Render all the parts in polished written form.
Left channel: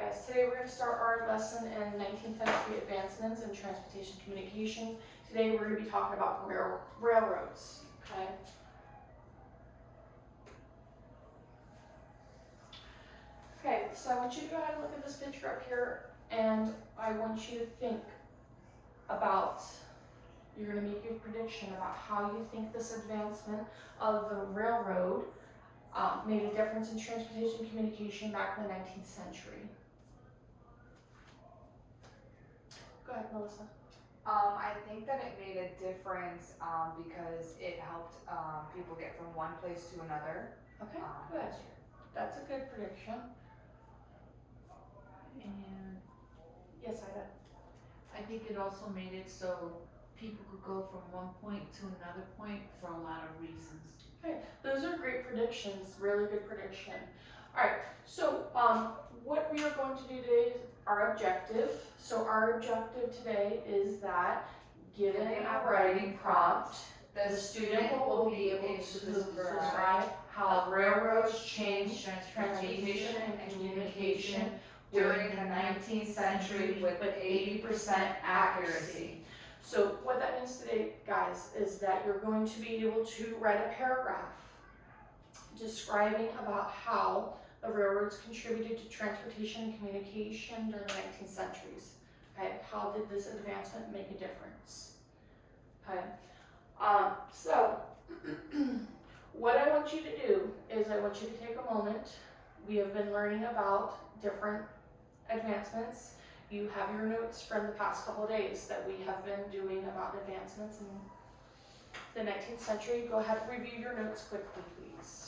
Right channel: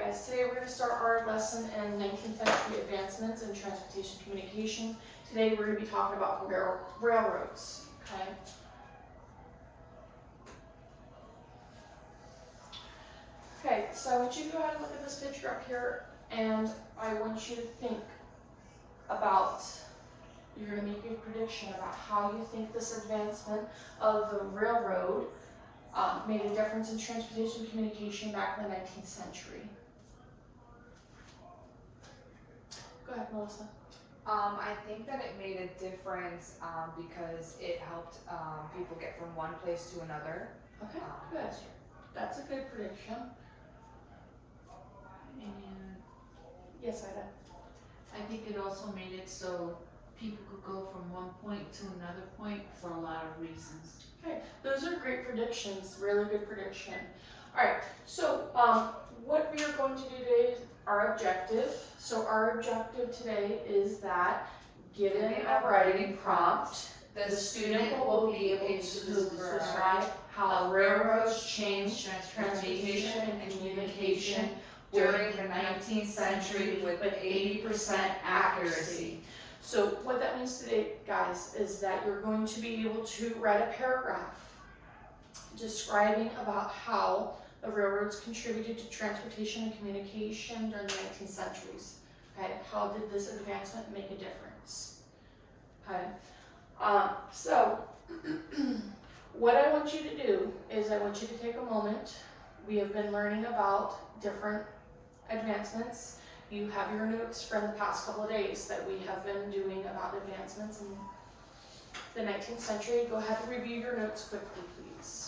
Alright guys, today we're going to start our lesson in 19th century advancements in transportation communication. Today we're going to be talking about railroads, okay? Okay, so I want you to go ahead and look at this picture up here, and I want you to think about, you're going to make a prediction about how you think this advancement of the railroad made a difference in transportation communication back in the 19th century. Go ahead, Melissa. I think that it made a difference because it helped people get from one place to another. Okay, good. That's a good prediction. And Yes, Ida. I think it also made it so people could go from one point to another point for a lot of reasons. Okay, those are great predictions, really good prediction. All right, so what we are going to do today is our objective. So our objective today is that given a writing prompt, the student will be able to describe how railroads changed transportation and communication during the 19th century with 80% accuracy. So what that means today, guys, is that you're going to be able to write a paragraph describing about how the railroads contributed to transportation and communication during the 19th centuries. Okay, how did this advancement make a difference? Okay, so what I want you to do is I want you to take a moment. We have been learning about different advancements. You have your notes from the past couple of days that we have been doing about advancements in the 19th century. Go ahead and review your notes quickly, please.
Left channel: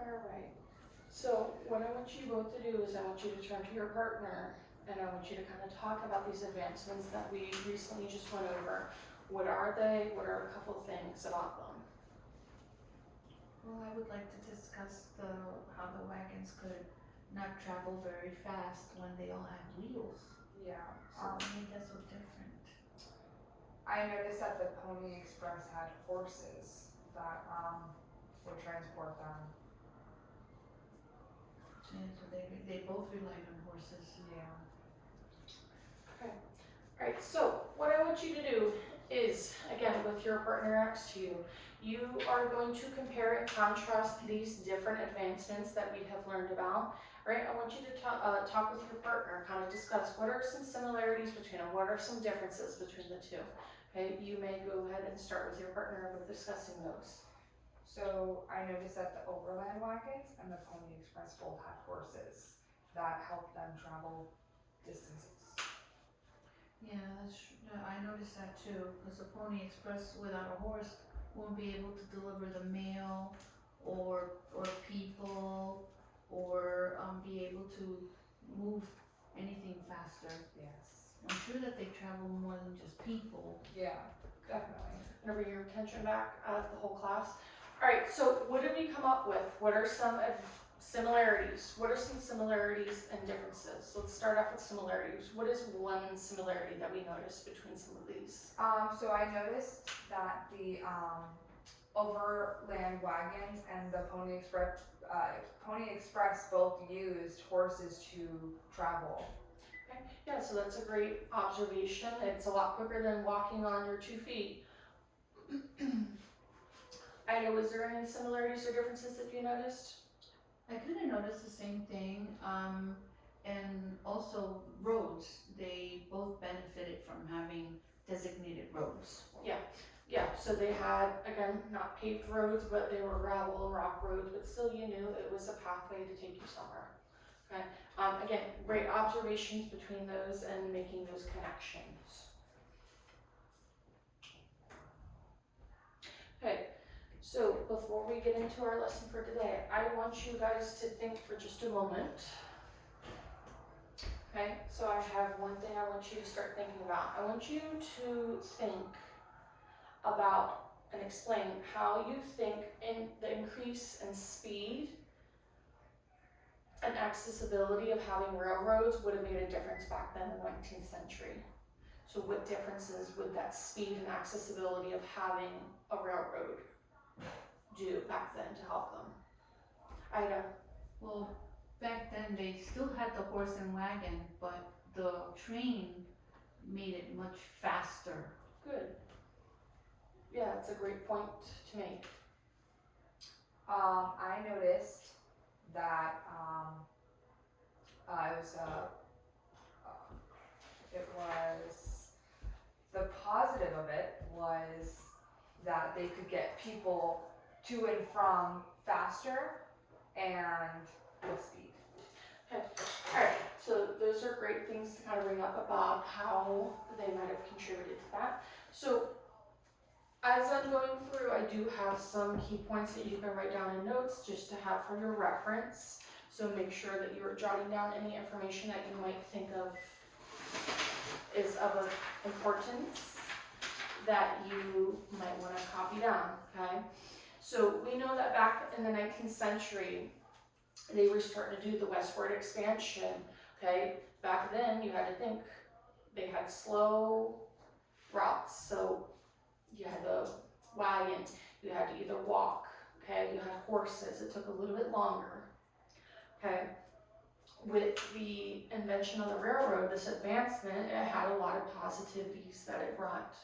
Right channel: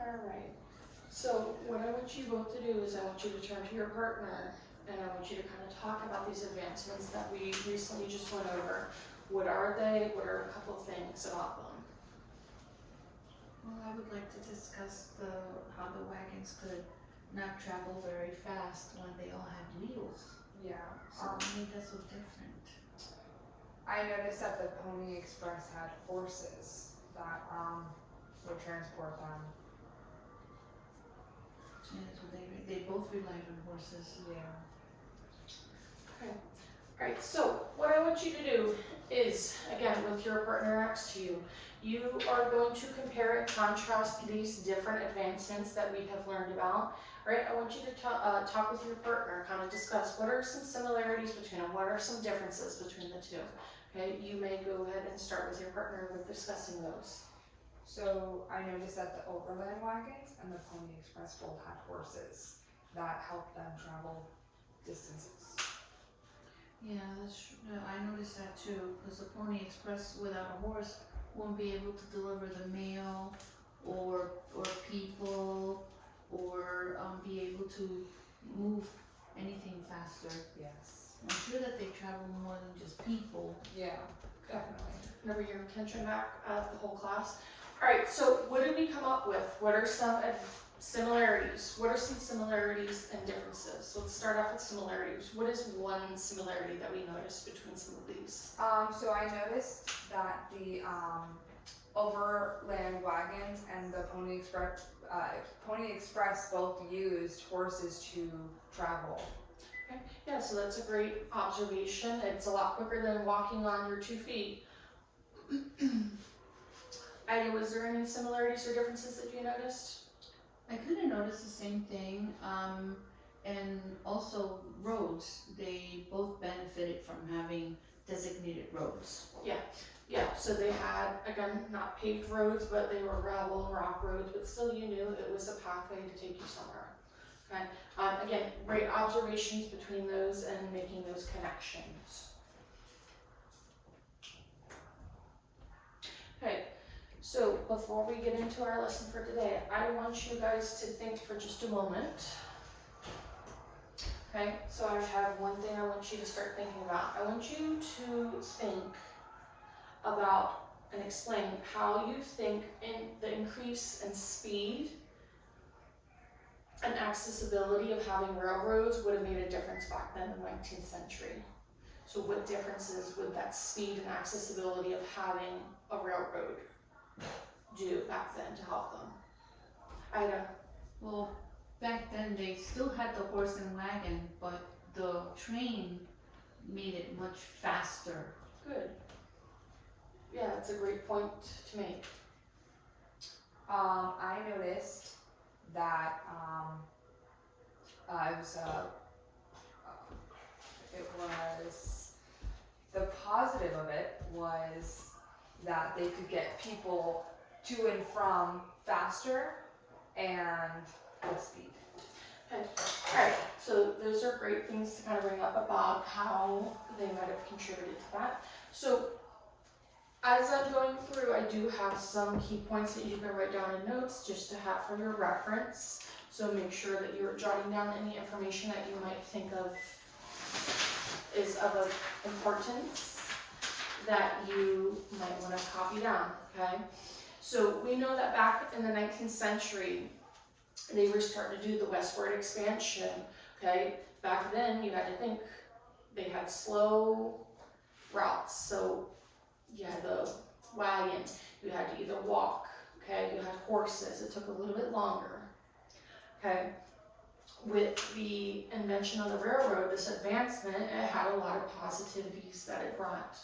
Alright, so what I want you both to do is I want you to turn to your partner and I want you to kind of talk about these advancements that we recently just went over. What are they? What are a couple of things about them? Well, I would like to discuss how the wagons could not travel very fast when they all had wheels. Yeah. So what made that so different? I noticed that the Pony Express had horses that would transport them. And so they both relied on horses. Yeah. Okay. Alright, so what I want you to do is, again, with your partner next to you, you are going to compare and contrast these different advancements that we have learned about. Right? I want you to talk with your partner, kind of discuss what are some similarities between them, what are some differences between the two. Okay, you may go ahead and start with your partner with discussing those. So I noticed that the overland wagons and the Pony Express both had horses that helped them travel distances. Yeah, I noticed that too, because the Pony Express without a horse won't be able to deliver the mail or people or be able to move anything faster. Yes. I'm sure that they travel more than just people. Yeah, definitely. Remember your attention back the whole class. Alright, so what did we come up with? What are some similarities? What are some similarities and differences? Let's start off with similarities. What is one similarity that we noticed between some of these? So I noticed that the overland wagons and the Pony Express both used horses to travel. Okay. Yeah, so that's a great observation. It's a lot quicker than walking on your 2 feet. Ida, was there any similarities or differences that you noticed? I kind of noticed the same thing, and also roads. They both benefited from having designated roads. Yeah, so they had, again, not paved roads, but they were gravel and rock roads, but still you knew it was a pathway to take you somewhere. Okay, again, great observations between those and making those connections. Okay, so before we get into our lesson for today, I want you guys to think for just a moment. Okay, so I have one thing I want you to start thinking about. I want you to think about and explain how you think in the increase in speed and accessibility of having railroads would have made a difference back then in the 19th century. So what differences would that speed and accessibility of having a railroad do back then to help them? Ida? Well, back then they still had the horse and wagon, but the train made it much faster. Good. Yeah, that's a great point to make. I noticed that, it was, the positive of it was that they could get people to and from faster and with speed. Alright, so those are great things to kind of bring up about how they might have contributed to that. So as I'm going through, I do have some key points that you can write down in notes just to have for your reference. So make sure that you're jotting down any information that you might think of is of importance that you might want to copy down, okay? So we know that back in the 19th century, they were starting to do the westward expansion, okay? Back then, you had to think they had slow routes, so you had the wagon, you had to either walk, okay? You had horses, it took a little bit longer, okay? With the invention of the railroad, this advancement, it had a lot of positivities that it brought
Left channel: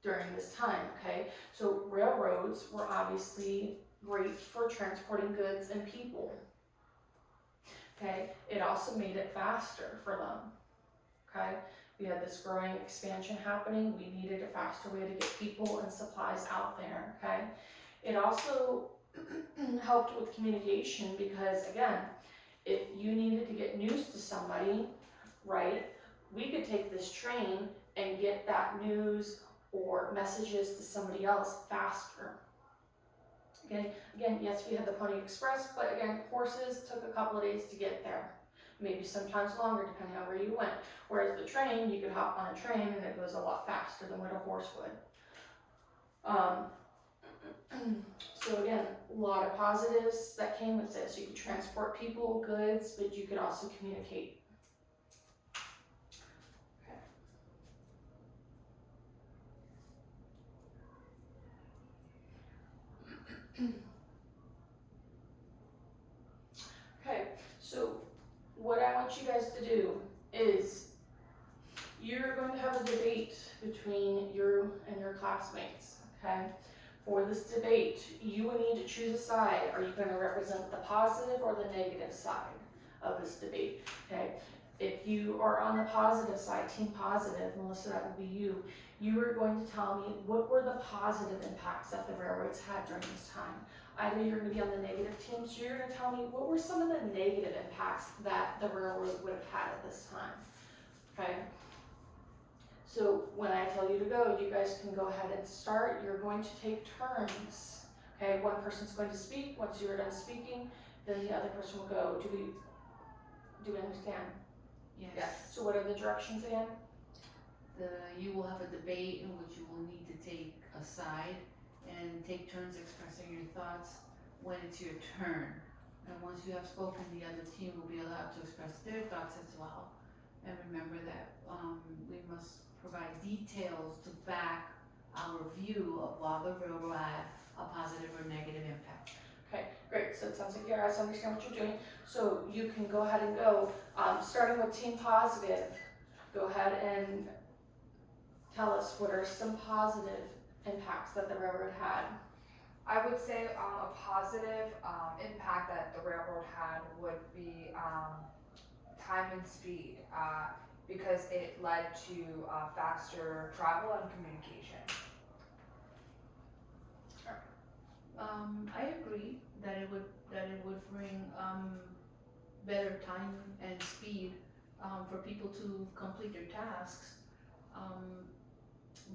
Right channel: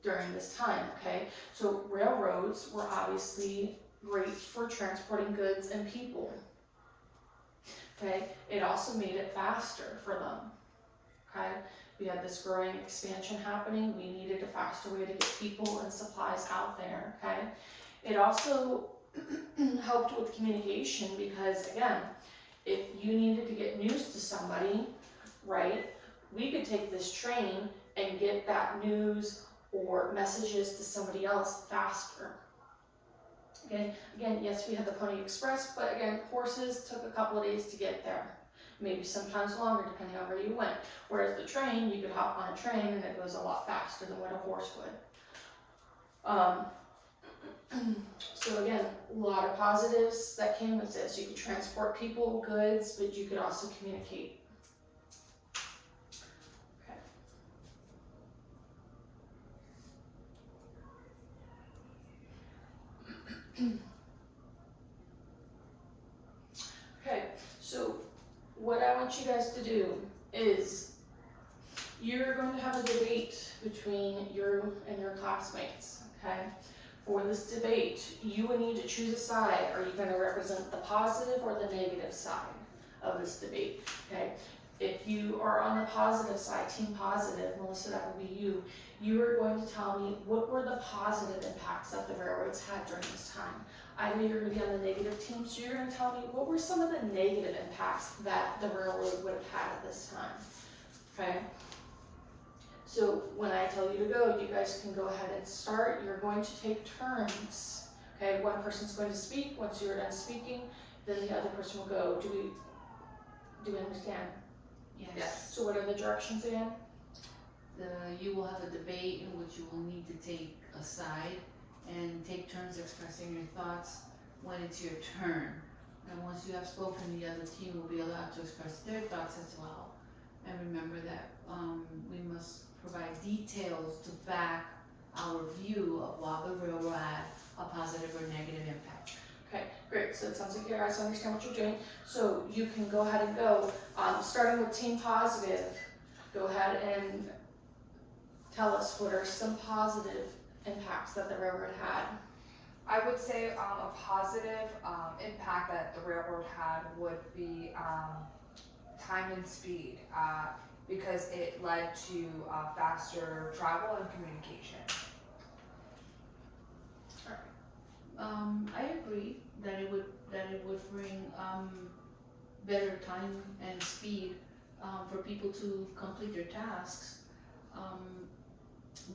during this time, okay? So railroads were obviously great for transporting goods and people, okay? It also made it faster for them, okay? We had this growing expansion happening. We needed a faster way to get people and supplies out there, okay? It also helped with communication because, again, if you needed to get news to somebody, right, we could take this train and get that news or messages to somebody else faster. Okay, again, yes, we had the Pony Express, but again, horses took a couple of days to get there. Maybe sometimes longer depending on where you went. Whereas the train, you could hop on a train and it goes a lot faster than what a horse would. So again, a lot of positives that came with this. You could transport people, goods, but you could also communicate. Okay, so what I want you guys to do is you're going to have a debate between you and your classmates, okay? For this debate, you would need to choose a side. Are you going to represent the positive or the negative side of this debate, okay? If you are on the positive side, team positive, Melissa, that will be you. You are going to tell me what were the positive impacts that the railroads had during this time. Either you're going to be on the negative team, so you're going to tell me what were some of the negative impacts that the railroad would have had at this time, okay? So when I tell you to go, you guys can go ahead and start. You're going to take turns, okay? One person's going to speak. Once you're done speaking, then the other person will go. Do we understand? Yes. So what are the directions again? You will have a debate in which you will need to take a side and take turns expressing your thoughts when it's your turn. And once you have spoken, the other team will be allowed to express their thoughts as well. And remember that we must provide details to back our view of while the railroad had a positive or negative impact. Okay, great. So it sounds like you guys understand what you're doing. So you can go ahead and go, starting with team positive, go ahead and tell us what are some positive impacts that the railroad had. I would say a positive impact that the railroad had would be time and speed, because it led to faster travel and communication. I agree that it would bring better time and speed for people to complete their tasks,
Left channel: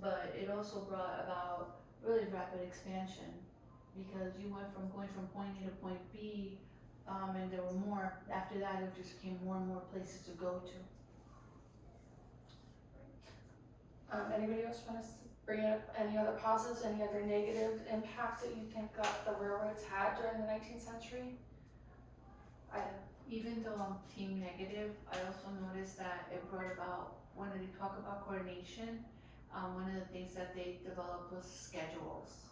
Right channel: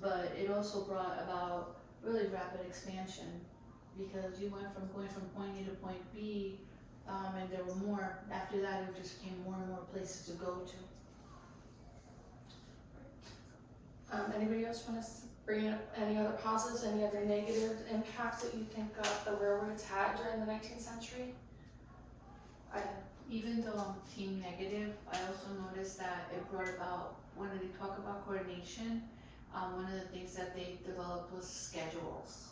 but it also brought about really rapid expansion because you went from going from point A to point B, and there were more. After that, it just became more and more places to go to. Anybody else want to bring up any other positives, any other negative impacts that you think the railroads had during the 19th century? Even though I'm team negative, I also noticed that it brought about when they talk about coordination, one of the things that they developed was schedules.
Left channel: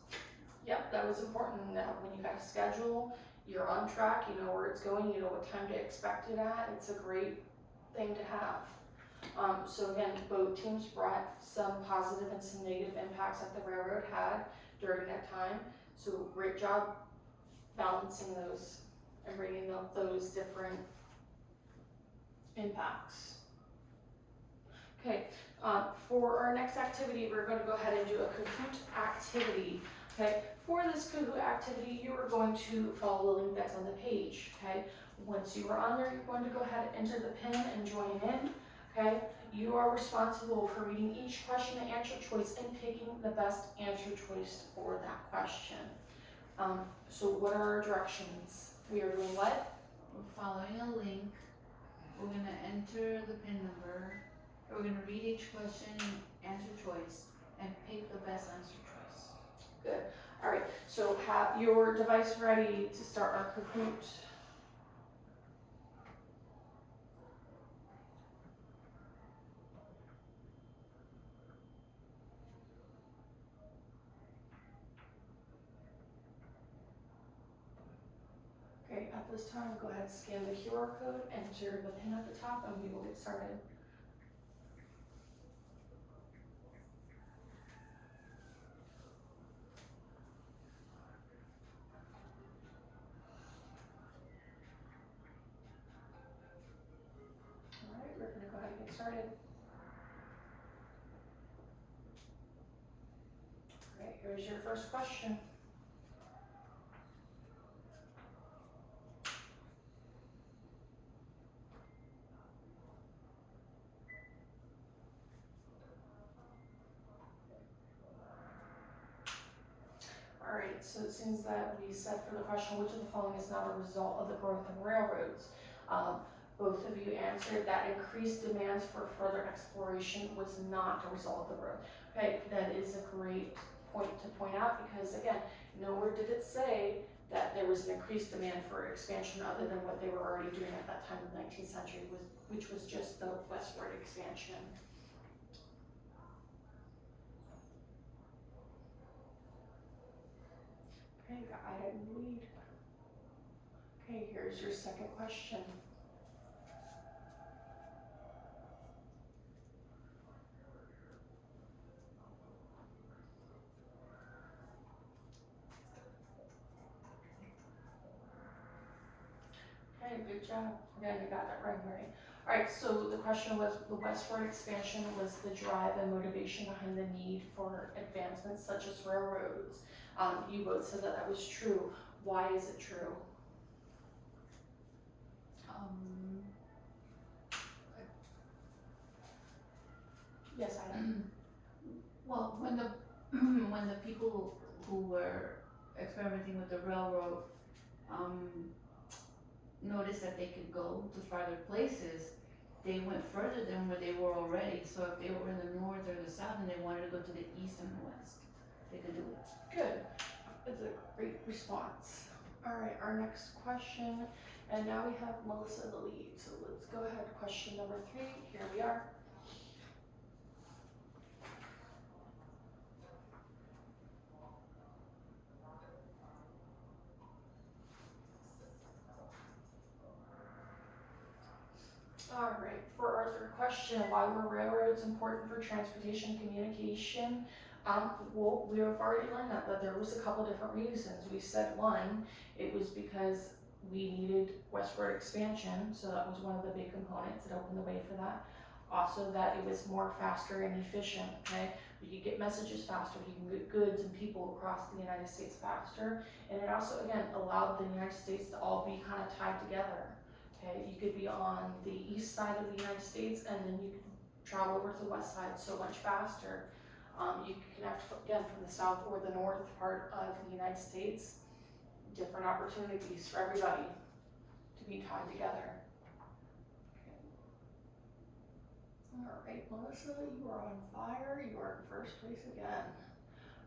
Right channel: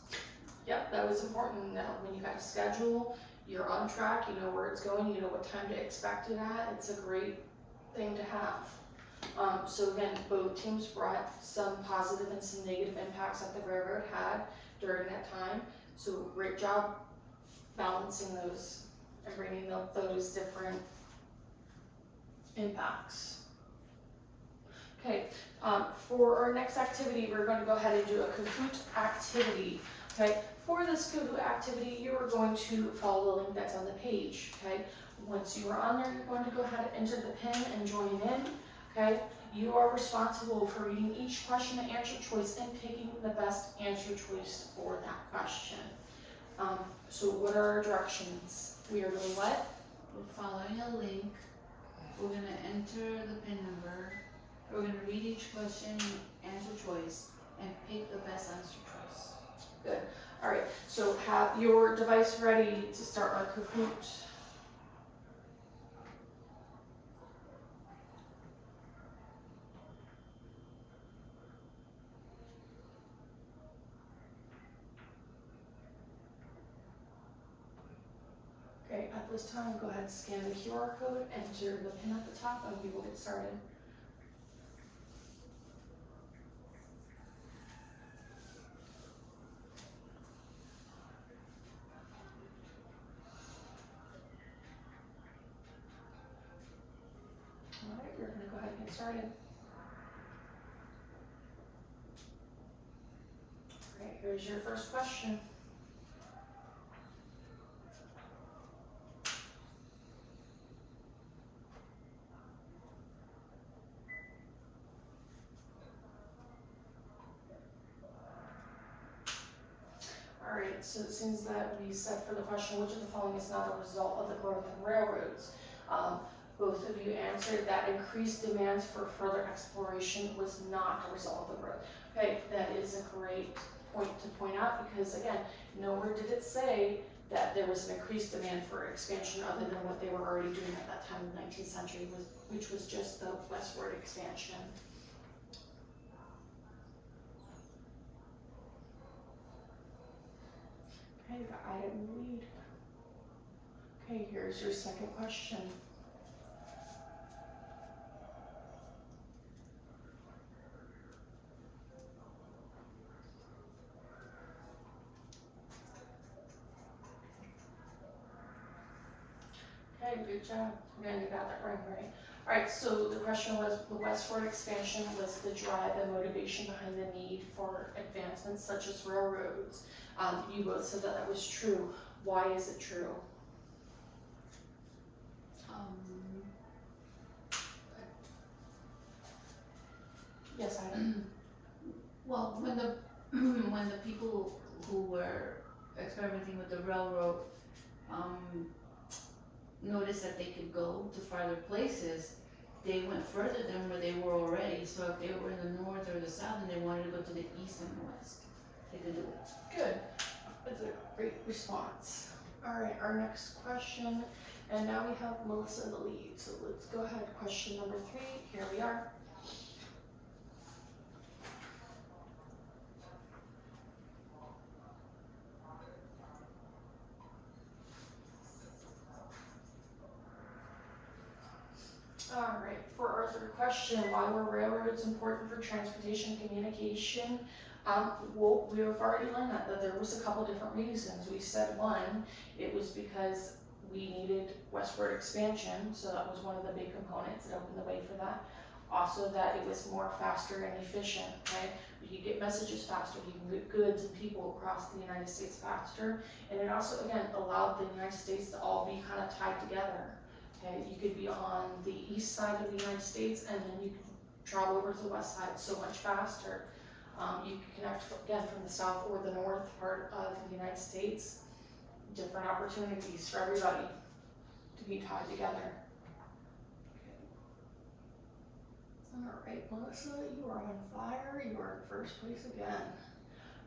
Yep, that was important, that when you got a schedule, you're on track, you know where it's going, you know what time to expect it at, it's a great thing to have. So again, both teams brought some positive and some negative impacts that the railroad had during that time, so great job balancing those and bringing up those different impacts. Okay, for our next activity, we're going to go ahead and do a Kahoot activity. Okay, for this Kahoot activity, you are going to follow the link that's on the page. Okay, once you are on there, you're going to go ahead and enter the PIN and join in. Okay, you are responsible for reading each question and answer choice and picking the best answer choice for that question. So what are our directions? We are doing what? We're following a link, we're gonna enter the PIN number, we're gonna read each question, answer choice, and pick the best answer choice. Alright, so have your device ready to start our Kahoot. Okay, at this time, go ahead and scan the QR code, enter the PIN at the top, and we will get started. Alright, we're gonna go ahead and get started. Alright, here's your first question. Alright, so it seems that we said for the question, which of the following is not a result of the growth in railroads? Both of you answered that increased demands for further exploration was not a result of the growth. Okay, that is a great point to point out because again, nowhere did it say that there was an increased demand for expansion other than what they were already doing at that time in the 19th century, which was just the westward expansion. Okay, you got item lead. Okay, here's your second question. Okay, good job. Again, you got that right. Alright, so the question was, the westward expansion was the drive and motivation behind the need for advancements such as railroads. You both said that that was true. Why is it true? Yes, I am. Well, when the when the people who were experimenting with the railroad noticed that they could go to farther places, they went further than where they were already. So if they were in the north or the south and they wanted to go to the east and the west, they could do it. Good. That's a great response. Alright, our next question, and now we have Melissa in the lead. So let's go ahead. Question number 3. Here we are. Alright, for our third question, why were railroads important for transportation and communication? Well, we've already learned that there was a couple different reasons. We said one, it was because we needed westward expansion, so that was one of the big components that opened the way for that. Also that it was more faster and efficient, okay? We could get messages faster, we can get goods and people across the United States faster, and it also, again, allowed the United States to all be kind of tied together. Okay, you could be on the east side of the United States and then you could travel over to the west side so much faster. You can connect, again, from the south or the north part of the United States. Different opportunities for everybody to be tied together. Okay. Alright, Melissa, you are on fire. You are in first place again.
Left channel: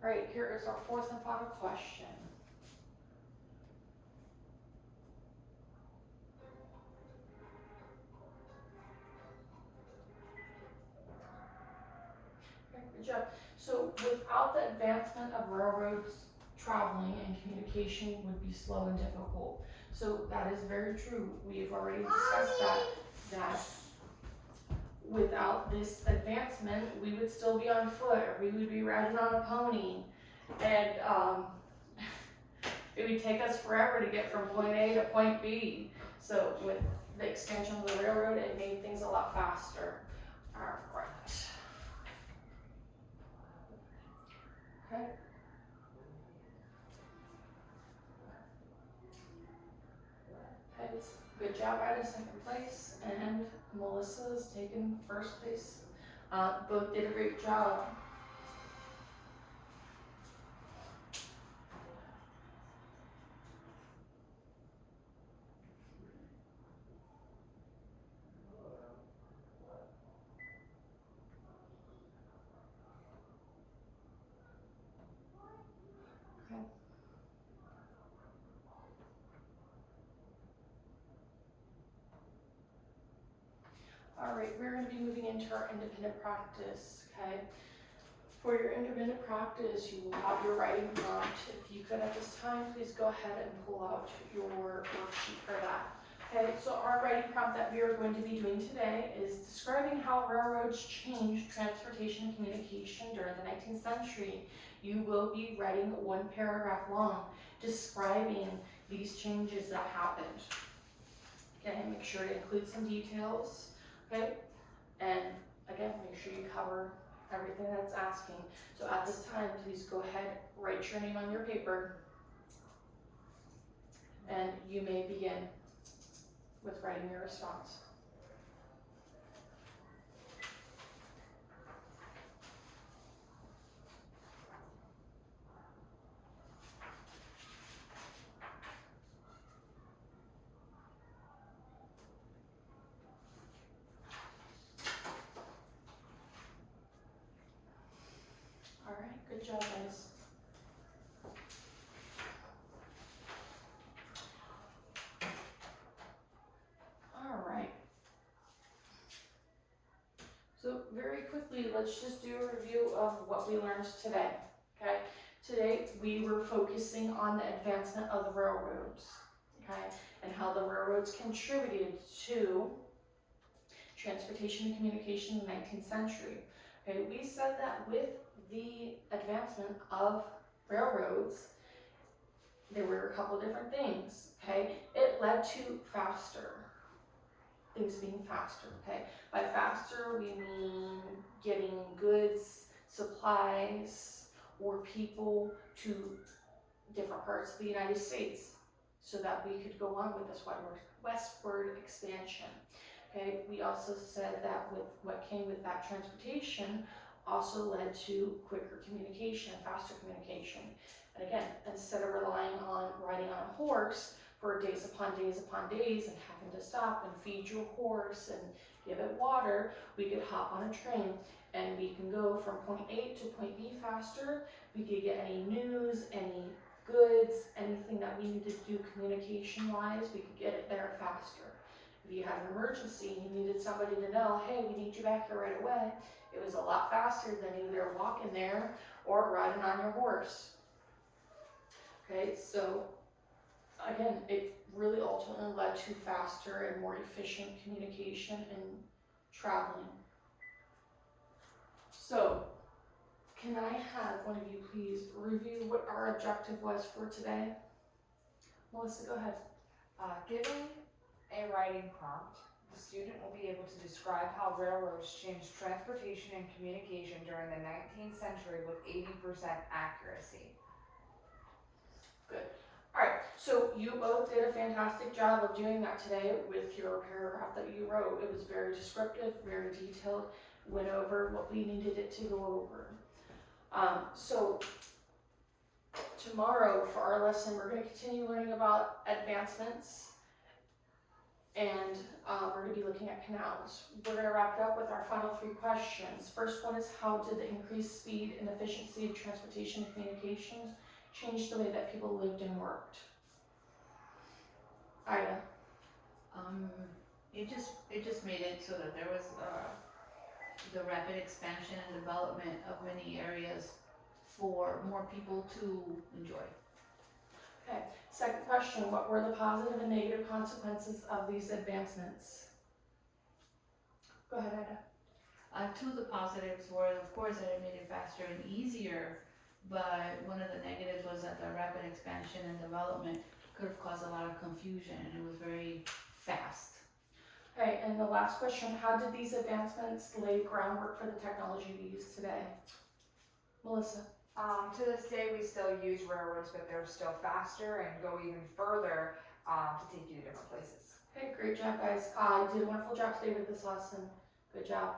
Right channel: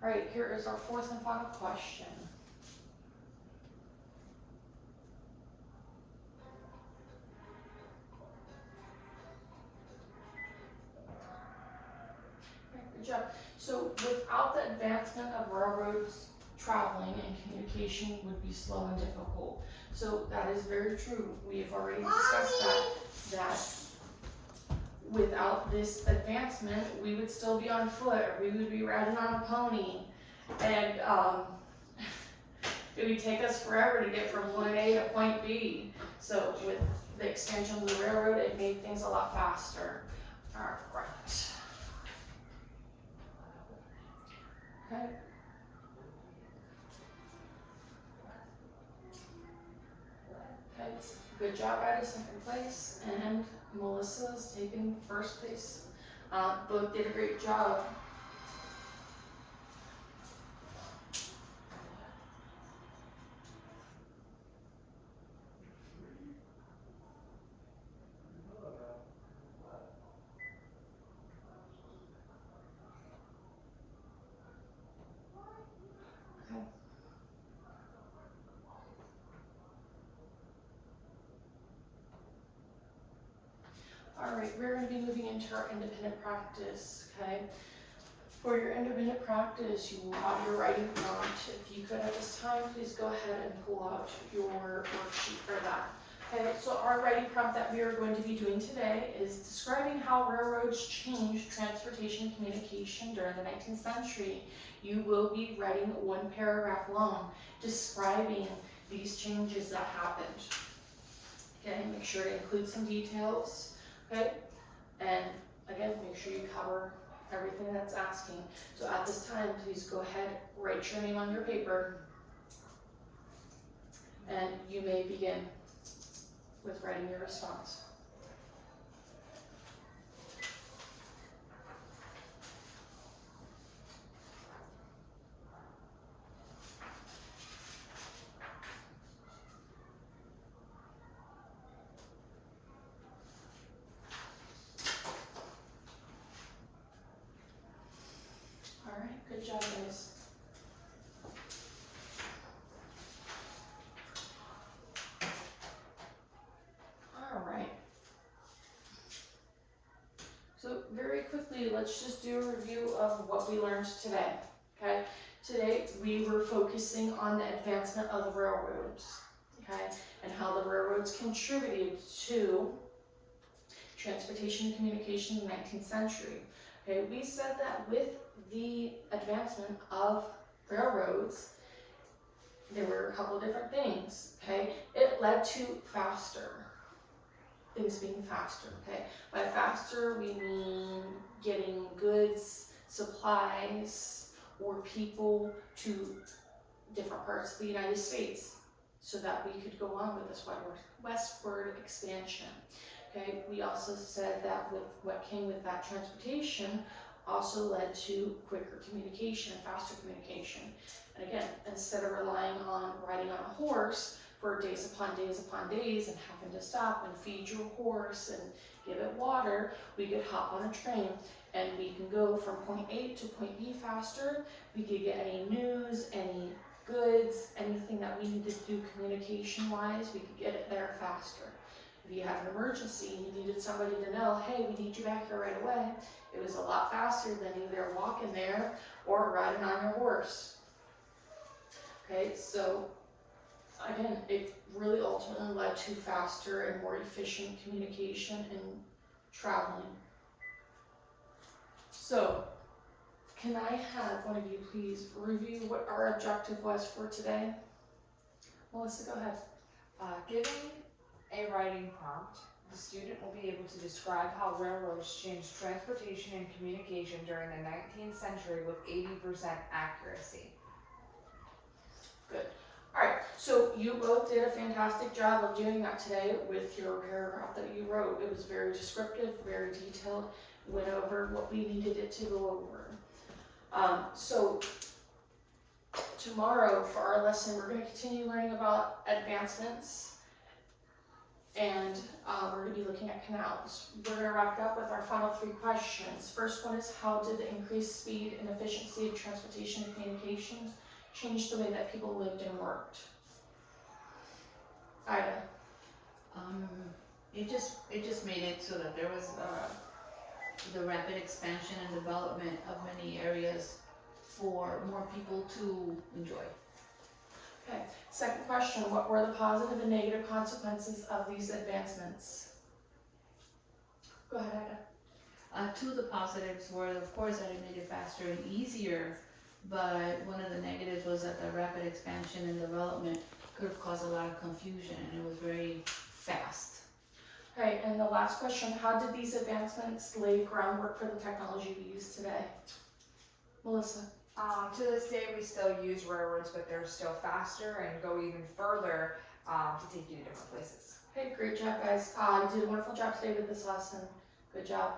Alright, here is our fourth and final question. good job. So without the advancement of railroads, traveling and communication would be slow and difficult. So that is very true. We have already discussed that without this advancement, we would still be on foot, or we would be riding on a pony. And it would take us forever to get from point A to point B. So with the extension of the railroad, it made things a lot faster. Alright. Okay. Okay, good job, Ida, second place, and Melissa's taken first place. Both did a great job. Alright, we're going to be moving into our independent practice, okay? For your independent practice, you will have your writing prompt. If you could at this time, please go ahead and pull out your worksheet for that. Okay, so our writing prompt that we are going to be doing today is describing how railroads changed transportation and communication during the 19th century. You will be writing one paragraph long describing these changes that happened. Okay, make sure to include some details. Okay, and again, make sure you cover everything that's asking. So at this time, please go ahead, write your name on your paper, and you may begin with writing your response. All right, good job, guys. All right. So very quickly, let's just do a review of what we learned today, okay? Today, we were focusing on the advancement of the railroads, okay? And how the railroads contributed to transportation and communication in the 19th century. Okay, we said that with the advancement of railroads, there were a couple different things, okay? It led to things being faster, okay? By faster, we mean getting goods, supplies, or people to different parts of the United States so that we could go on with this westward expansion. Okay, we also said that with what came with that transportation also led to quicker communication, faster communication. And again, instead of relying on riding on a horse for days upon days upon days and having to stop and feed your horse and give it water, we could hop on a train and we can go from point A to point B faster. We could get any news, any goods, anything that we needed to do communication-wise, we could get it there faster. If you had an emergency and you needed somebody to know, hey, we need you back here right away, it was a lot faster than either walking there or riding on your horse. Okay, so again, it really ultimately led to faster and more efficient communication and traveling. So, can I have one of you please review what our objective was for today? Melissa, go ahead. Giving a writing prompt, the student will be able to describe how railroads changed transportation and communication during the 19th century with 80% accuracy. Good. Alright, so you both did a fantastic job of doing that today with your paragraph that you wrote. It was very descriptive, very detailed, went over what we needed it to go over. So tomorrow for our lesson, we're going to continue learning about advancements, and we're going to be looking at canals. We're going to wrap it up with our final 3 questions. First one is, how did the increased speed and efficiency of transportation and communications change the way that people lived and worked? Ida. It just made it so that there was the rapid expansion and development of many areas for more people to enjoy. Second question, what were the positive and negative consequences of these advancements? Go ahead, Ida. Two of the positives were, of course, that it made it faster and easier, but one of the negatives was that the rapid expansion and development could have caused a lot of confusion, and it was very fast. Okay, and the last question, how did these advancements lay groundwork for the technology we use today? Melissa? To this day, we still use railroads, but they're still faster and go even further to take you to different places. Hey, great job, guys. You did a wonderful job today with this lesson. Good job.